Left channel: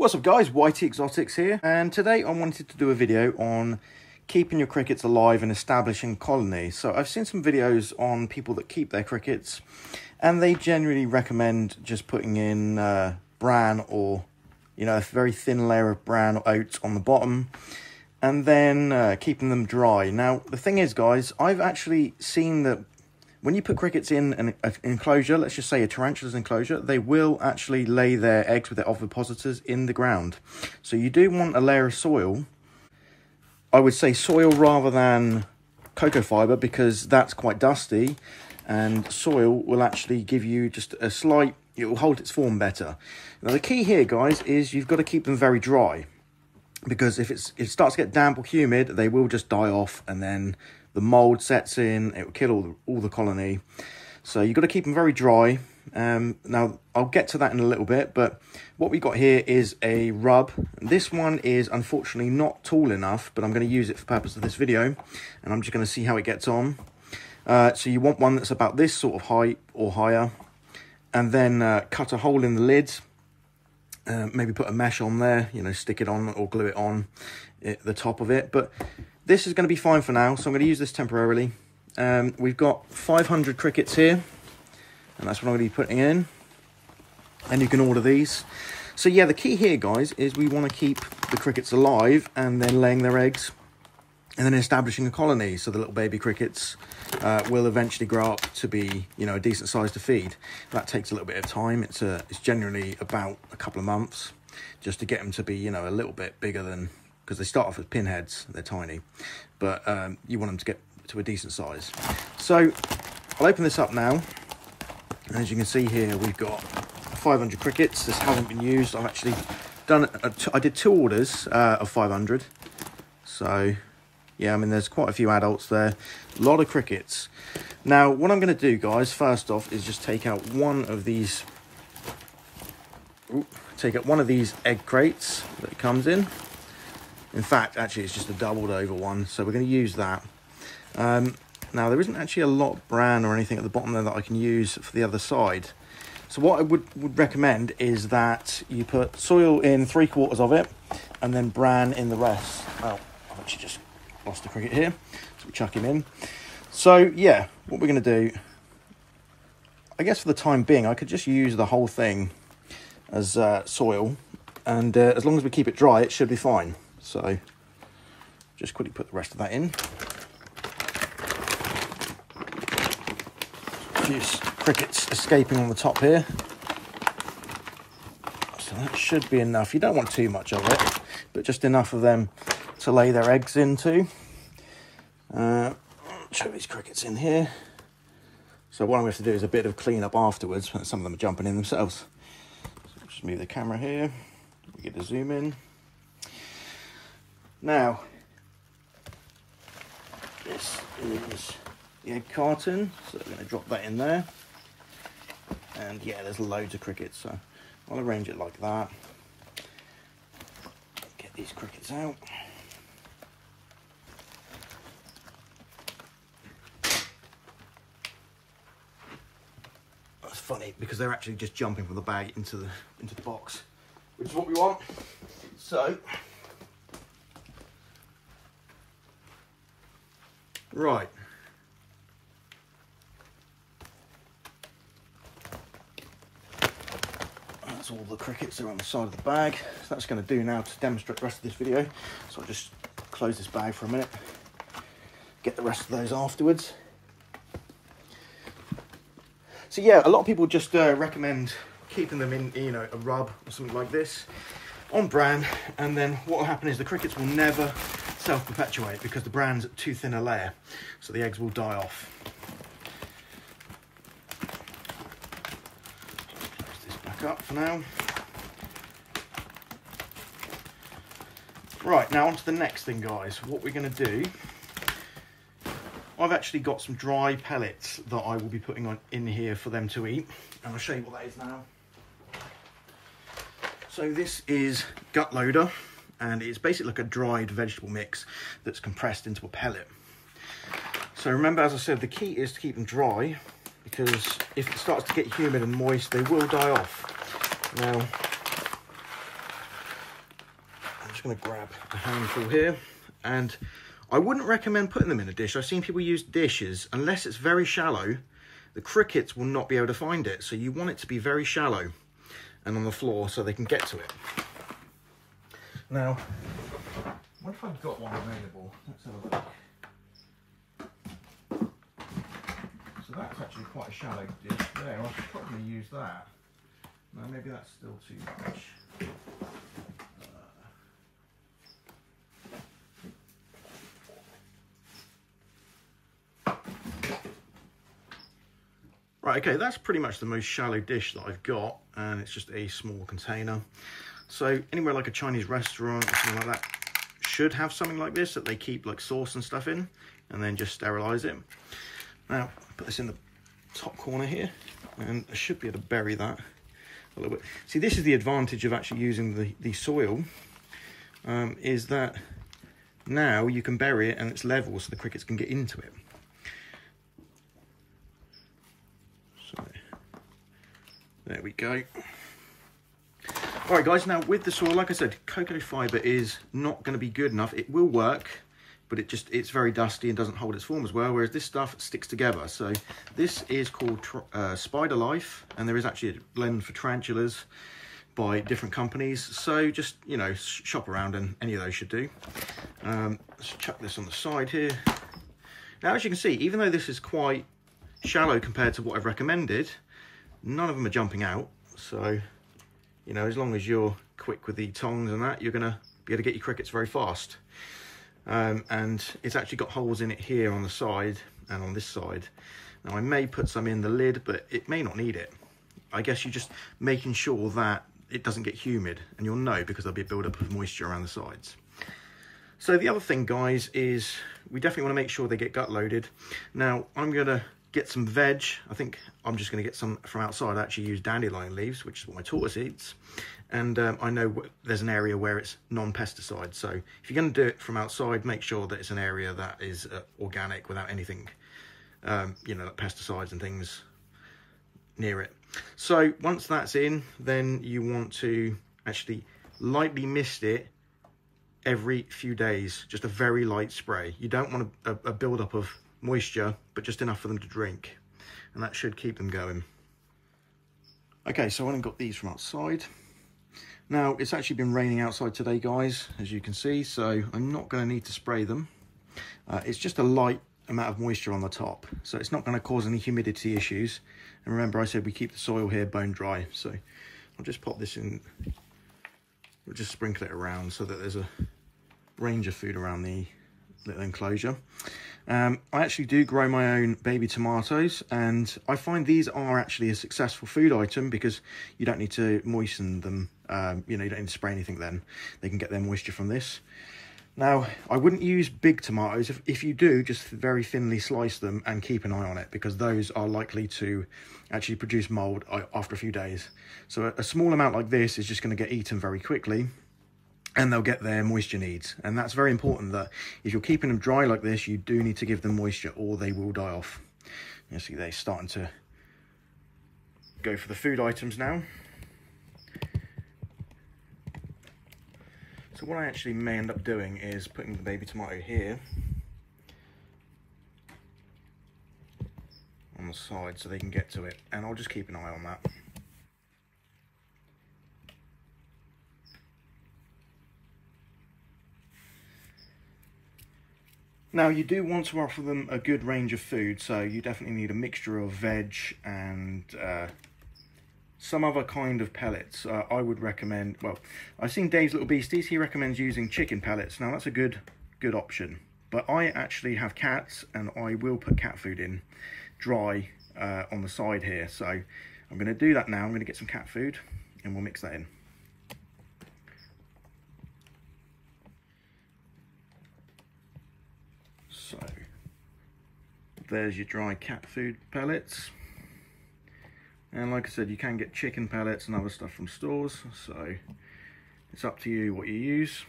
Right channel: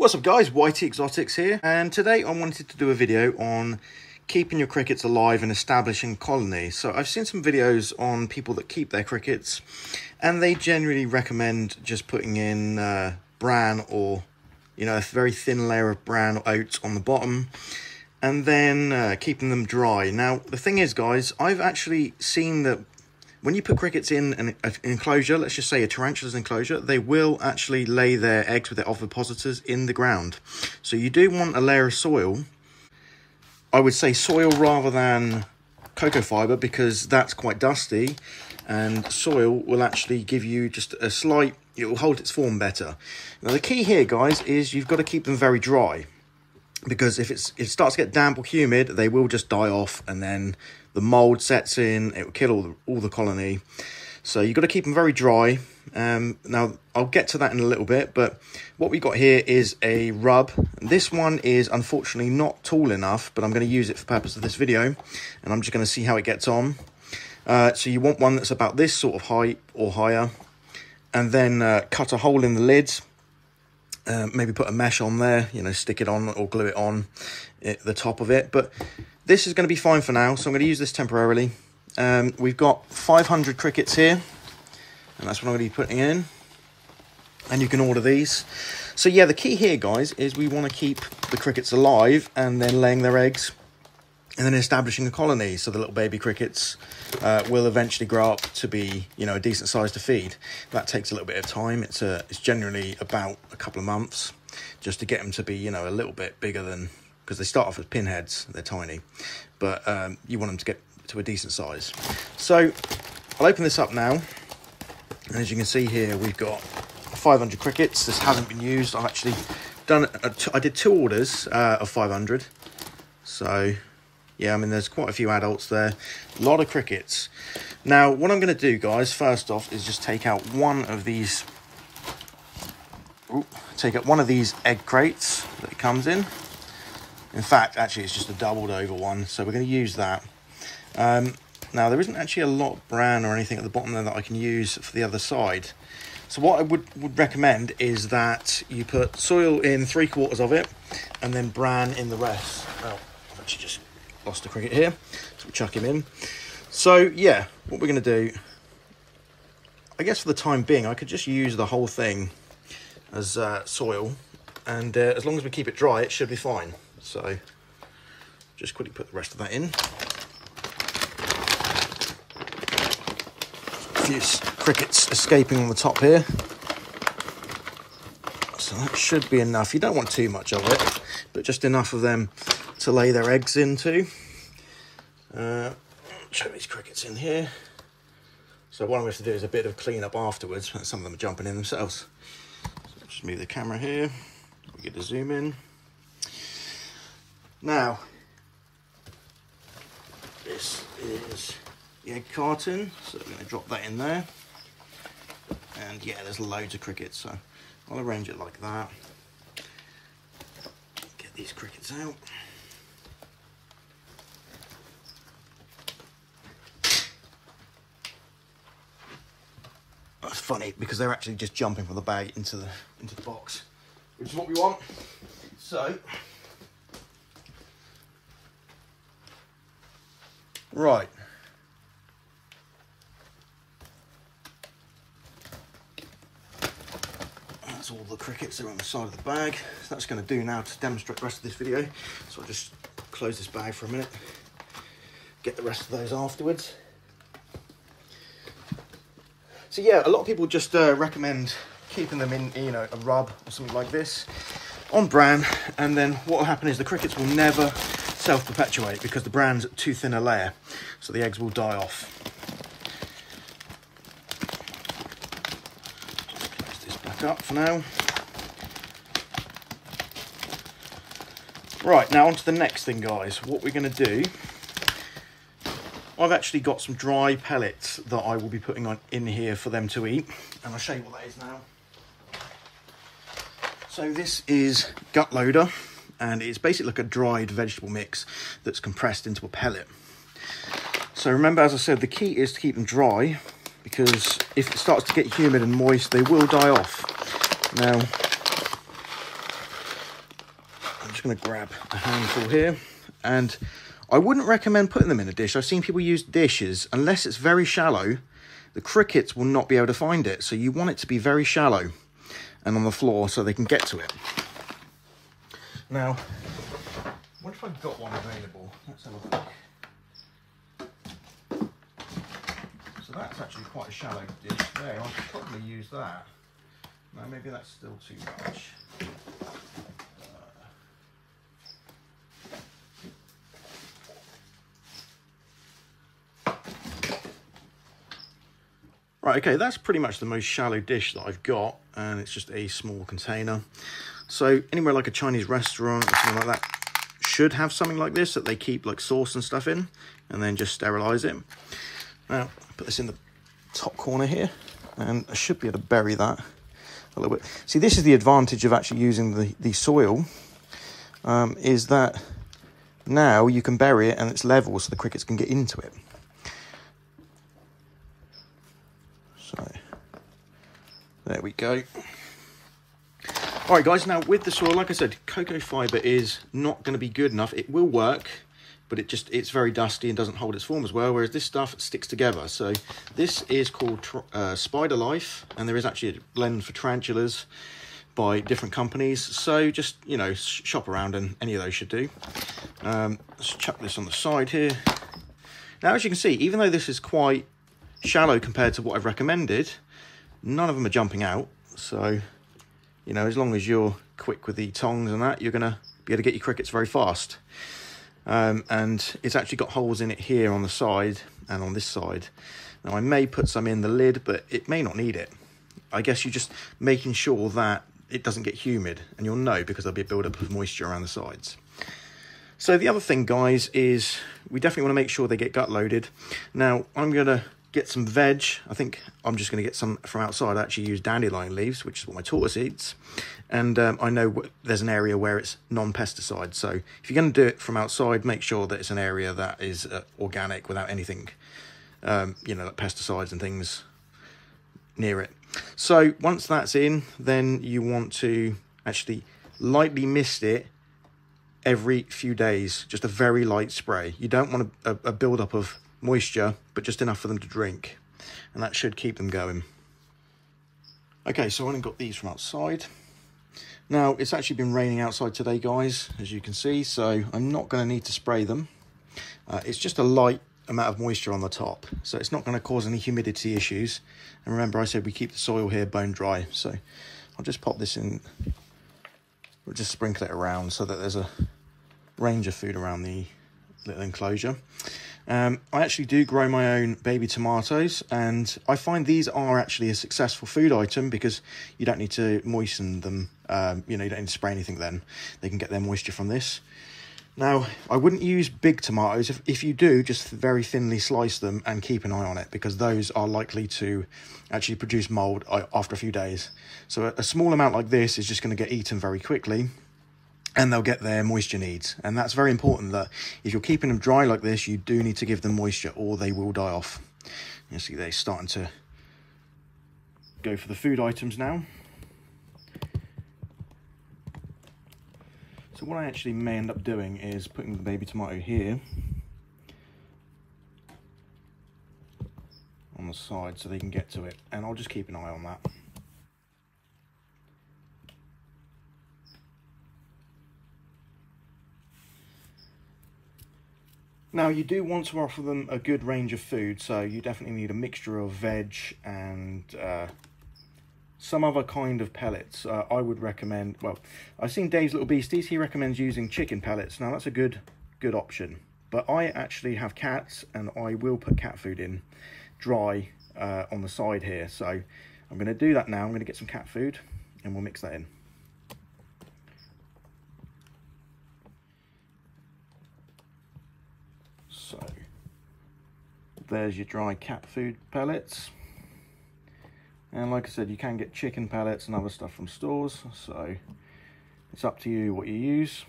What's up guys, Whitey Exotics here, and today I wanted to do a video on keeping your crickets alive and establishing colonies. So I've seen some videos on people that keep their crickets, and they generally recommend just putting in bran or, you know, a very thin layer of bran or oats on the bottom, and then keeping them dry. Now the thing is guys, I've actually seen that when you put crickets in an enclosure, let's just say a tarantula's enclosure, they will actually lay their eggs with their ovipositors in the ground. So you do want a layer of soil. I would say soil rather than cocoa fibre, because that's quite dusty, and soil will actually give you just a slight, it will hold its form better. Now the key here guys is you've got to keep them very dry, because if it starts to get damp or humid, they will just die off, and then the mold sets in, it will kill all the colony. So you've got to keep them very dry. Now I'll get to that in a little bit, but what we got here is a rub. This one is unfortunately not tall enough, but I'm going to use it for the purpose of this video, and I'm just going to see how it gets on. So you want one that's about this sort of height or higher, and then cut a hole in the lid. Maybe put a mesh on there, you know, stick it on or glue it on the top of it. But this is going to be fine for now, so I'm going to use this temporarily. We've got 500 crickets here, and that's what I'm going to be putting in. And you can order these. So yeah, the key here, guys, is we want to keep the crickets alive and then laying their eggs and then establishing a colony. So the little baby crickets will eventually grow up to be, you know, a decent size to feed. That takes a little bit of time. It's generally about a couple of months just to get them to be, you know, a little bit bigger than, because they start off as pinheads, they're tiny, but you want them to get to a decent size. So I'll open this up now, and as you can see here, we've got 500 crickets. This hasn't been used. I've actually done, I did 2 orders of 500. So yeah, I mean, there's quite a few adults there, a lot of crickets. Now, what I'm going to do, guys, first off, is just take out one of these, egg crates that it comes in. In fact, actually, it's just a doubled over one, so we're going to use that. Now, there isn't actually a lot of bran or anything at the bottom there that I can use for the other side. So what I would recommend is that you put soil in 3/4 of it, and then bran in the rest. Oh, I've actually just lost a cricket here, so we'll chuck him in. So yeah, what we're going to do, I guess for the time being, I could just use the whole thing as soil, and as long as we keep it dry, it should be fine. So just quickly put the rest of that in. A few crickets escaping on the top here, so that should be enough. You don't want too much of it, but just enough of them to lay their eggs into. Show these crickets in here. So what I'm going to do is a bit of clean up afterwards. Some of them are jumping in themselves. So just move the camera here. We get to zoom in. Now, this is the egg carton, so we're going to drop that in there. And yeah, there's loads of crickets, so I'll arrange it like that. Get these crickets out. That's funny because they're actually just jumping from the bag into the box, which is what we want. So right. That's all the crickets that are on the side of the bag. So that's going to do now to demonstrate the rest of this video. So I'll just close this bag for a minute, get the rest of those afterwards. So yeah, a lot of people just recommend keeping them in, you know, a rub or something like this on bran, and then what will happen is the crickets will never self-perpetuate because the bran's too thin a layer, so the eggs will die off. Close this back up for now. Right, now on to the next thing, guys. What we're going to do, I've actually got some dry pellets that I will be putting in here for them to eat, and I'll show you what that is now. So this is gut loader, and it's basically like a dried vegetable mix that's compressed into a pellet. So remember, as I said, the key is to keep them dry, because if it starts to get humid and moist, they will die off. Now, just going to grab a handful here, and I wouldn't recommend putting them in a dish. I've seen people use dishes. Unless it's very shallow, the crickets will not be able to find it. So you want it to be very shallow and on the floor so they can get to it. Now, what if I've got one available? Let's have a look. So that's actually quite a shallow dish there. I could probably use that. No, maybe that's still too much. Right, okay, that's pretty much the most shallow dish that I've got, and it's just a small container. So anywhere like a Chinese restaurant or something like that should have something like this that they keep like sauce and stuff in, and then just sterilize it. Now, put this in the top corner here, and I should be able to bury that a little bit. See, this is the advantage of actually using the soil, is that now you can bury it and it's level so the crickets can get into it. So, there we go. All right, guys, now with the soil, like I said, cocoa fibre is not going to be good enough. It will work, but it's very dusty and doesn't hold its form as well, whereas this stuff sticks together. So this is called Spider Life, and there is actually a blend for tarantulas by different companies. So just, you know, shop around and any of those should do. Let's chuck this on the side here. Now, as you can see, even though this is quite shallow compared to what I've recommended, none of them are jumping out. So, you know, as long as you're quick with the tongs and that, you're going to be able to get your crickets very fast. And it's actually got holes in it here on the side and on this side. Now, I may put some in the lid, but it may not need it. I guess you're just making sure that it doesn't get humid, and you'll know because there'll be a build-up of moisture around the sides. So the other thing, guys, is we definitely want to make sure they get gut loaded. Now, I'm going to get some veg. I think I'm just going to get some from outside. I actually use dandelion leaves, which is what my tortoise eats. And I know there's an area where it's non-pesticide. So if you're going to do it from outside, make sure that it's an area that is organic without anything, you know, like pesticides and things near it. So once that's in, then you want to actually lightly mist it every few days. Just a very light spray. You don't want a build-up of moisture, but just enough for them to drink, and that should keep them going. Okay, so I only got these from outside. Now, it's actually been raining outside today, guys, as you can see, so I'm not going to need to spray them. It's just a light amount of moisture on the top, so it's not going to cause any humidity issues. And remember, I said we keep the soil here bone dry, so I'll just pop this in. We'll just sprinkle it around so that there's a range of food around the little enclosure. I actually do grow my own baby tomatoes, and I find these are actually a successful food item because you don't need to moisten them. You know, you don't need to spray anything then. They can get their moisture from this. Now, I wouldn't use big tomatoes. If you do, just very thinly slice them and keep an eye on it, because those are likely to actually produce mold after a few days. So a small amount like this is just going to get eaten very quickly, and they'll get their moisture needs. And that's very important, that if you're keeping them dry like this, you do need to give them moisture or they will die off. You see they're starting to go for the food items now. So what I actually may end up doing is putting the baby tomato here on the side so they can get to it, and I'll just keep an eye on that. Now, you do want to offer them a good range of food, so you definitely need a mixture of veg and some other kind of pellets. I would recommend, well, I've seen Dave's Little Beasties, he recommends using chicken pellets. Now, that's a good option, but I actually have cats, and I will put cat food in dry on the side here. So I'm going to do that now. I'm going to get some cat food, and we'll mix that in. So there's your dry cat food pellets, and like I said, you can get chicken pellets and other stuff from stores, so it's up to you what you use.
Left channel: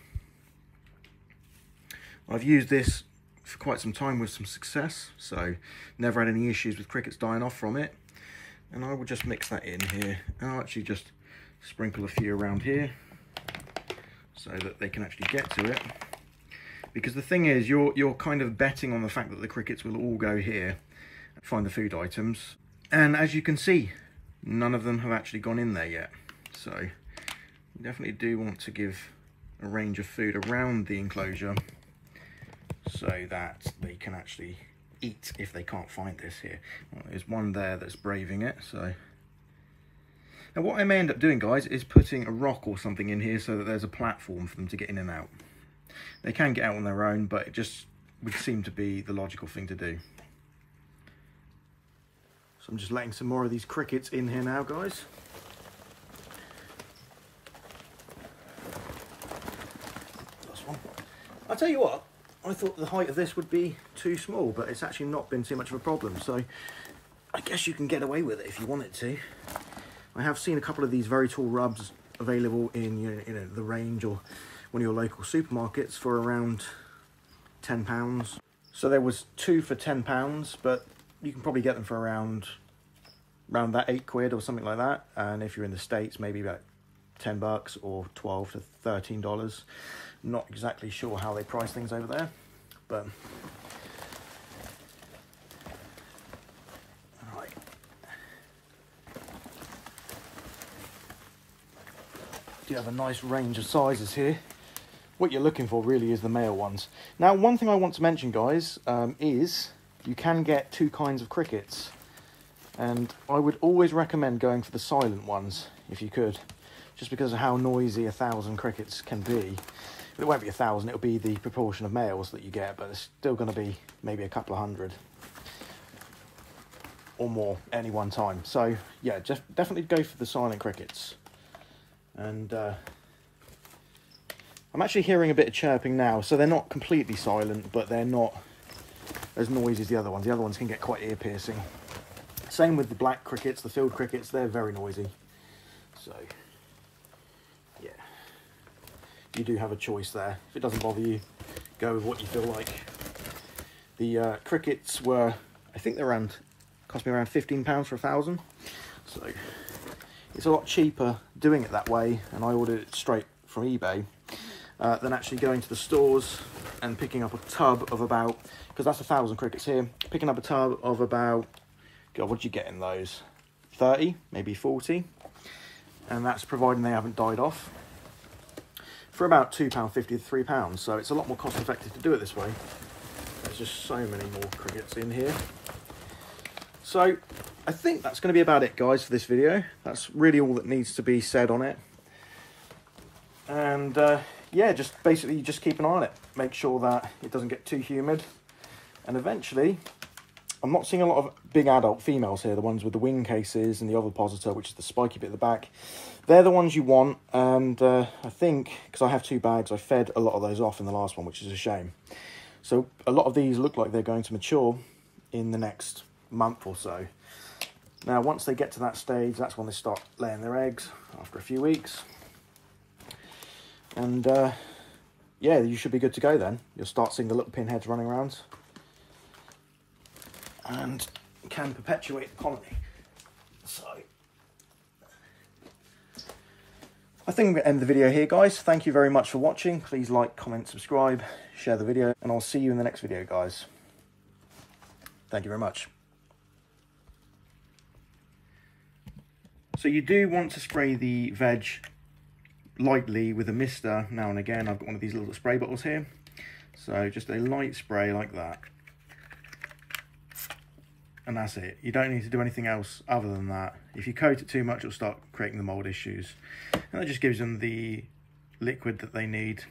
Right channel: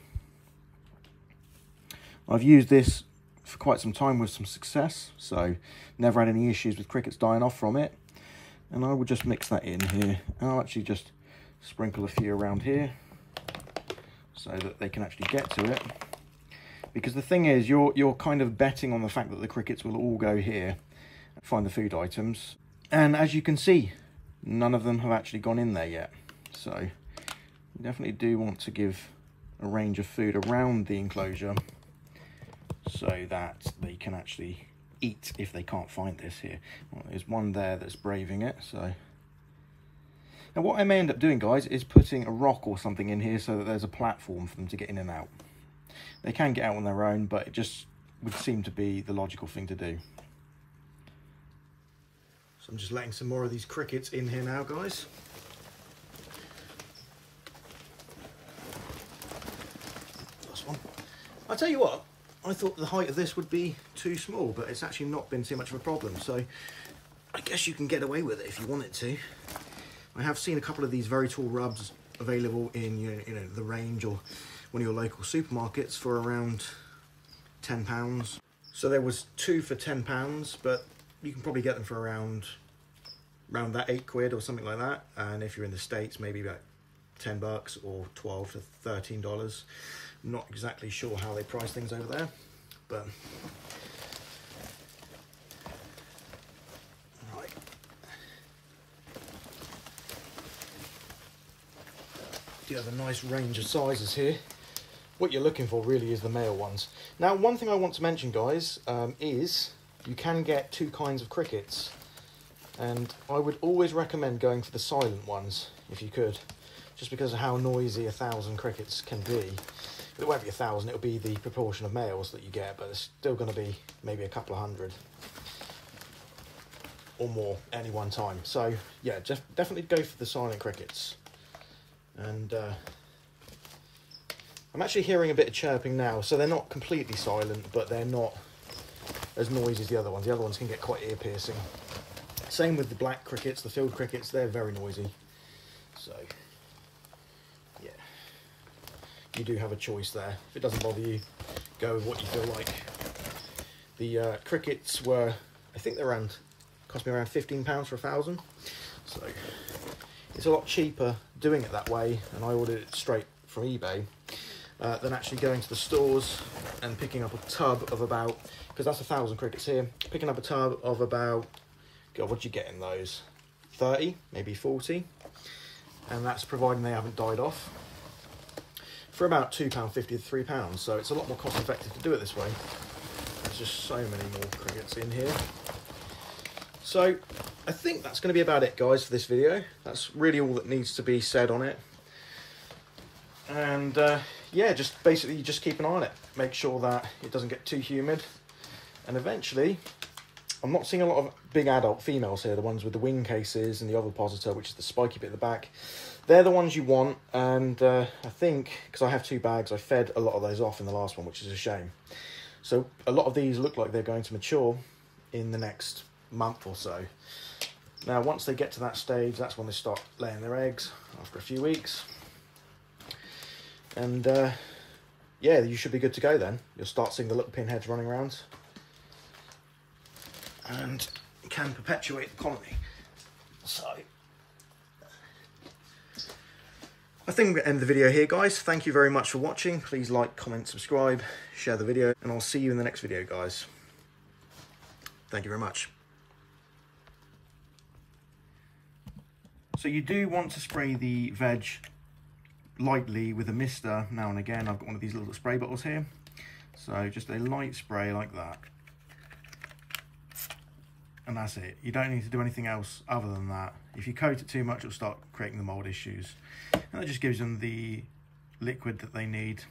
I've used this for quite some time with some success, so never had any issues with crickets dying off from it. And I will just mix that in here, and I'll actually just sprinkle a few around here so that they can actually get to it. Because the thing is, you're kind of betting on the fact that the crickets will all go here and find the food items. And as you can see, none of them have actually gone in there yet. So you definitely do want to give a range of food around the enclosure so that they can actually eat if they can't find this here. Well, there's one there that's braving it, so. Now what I may end up doing, guys, is putting a rock or something in here so that there's a platform for them to get in and out. They can get out on their own, but it just would seem to be the logical thing to do. So I'm just letting some more of these crickets in here now, guys. Last one. I'll tell you what, I thought the height of this would be too small, but it's actually not been too much of a problem. So I guess you can get away with it if you wanted to. I have seen a couple of these very tall rubs available in you know the range or one of your local supermarkets for around £10. So there was 2 for £10, but you can probably get them for around that £8 or something like that. And if you're in the States, maybe about $10 or $12 to $13. Not exactly sure how they price things over there, but all right. You have a nice range of sizes here. What you're looking for really is the male ones. Now, one thing I want to mention, guys, is you can get 2 kinds of crickets, and I would always recommend going for the silent ones if you could, just because of how noisy 1,000 crickets can be. It won't be 1,000, it'll be the proportion of males that you get, but it's still going to be maybe a couple of hundred or more any one time. So yeah, just definitely go for the silent crickets. And I'm actually hearing a bit of chirping now, so they're not completely silent, but they're not as noisy as the other ones. The other ones can get quite ear-piercing. Same with the black crickets, the field crickets, they're very noisy. So, yeah, you do have a choice there. If it doesn't bother you, go with what you feel like. The crickets were, I think they're cost me around £15 for 1,000. So, it's a lot cheaper doing it that way, and I ordered it straight from eBay. Than actually going to the stores and picking up a tub of about, because that's 1,000 crickets here, picking up a tub of about, God, what do you get in those? 30, maybe 40, and that's providing they haven't died off, for about £2.50 to £3. So it's a lot more cost effective to do it this way. There's just so many more crickets in here. So I think that's going to be about it, guys, for this video. That's really all that needs to be said on it. And yeah, just basically just keep an eye on it. Make sure that it doesn't get too humid. And eventually, I'm not seeing a lot of big adult females here, the ones with the wing cases and the ovipositor, which is the spiky bit at the back. They're the ones you want, and I think, because I have 2 bags, I fed a lot of those off in the last one, which is a shame. So a lot of these look like they're going to mature in the next month or so. Now, once they get to that stage, that's when they start laying their eggs after a few weeks. And yeah, you should be good to go then. You'll start seeing the little pinheads running around and can perpetuate the colony. So I think I'm going to end the video here, guys. Thank you very much for watching. Please like, comment, subscribe, share the video, and I'll see you in the next video, guys. Thank you very much. So you do want to spray the veg lightly with a mister now and again. I've got one of these little spray bottles here, so just a light spray like that, and that's it. You don't need to do anything else other than that. If you coat it too much, it'll start creating the mold issues, and that just gives them the liquid that they need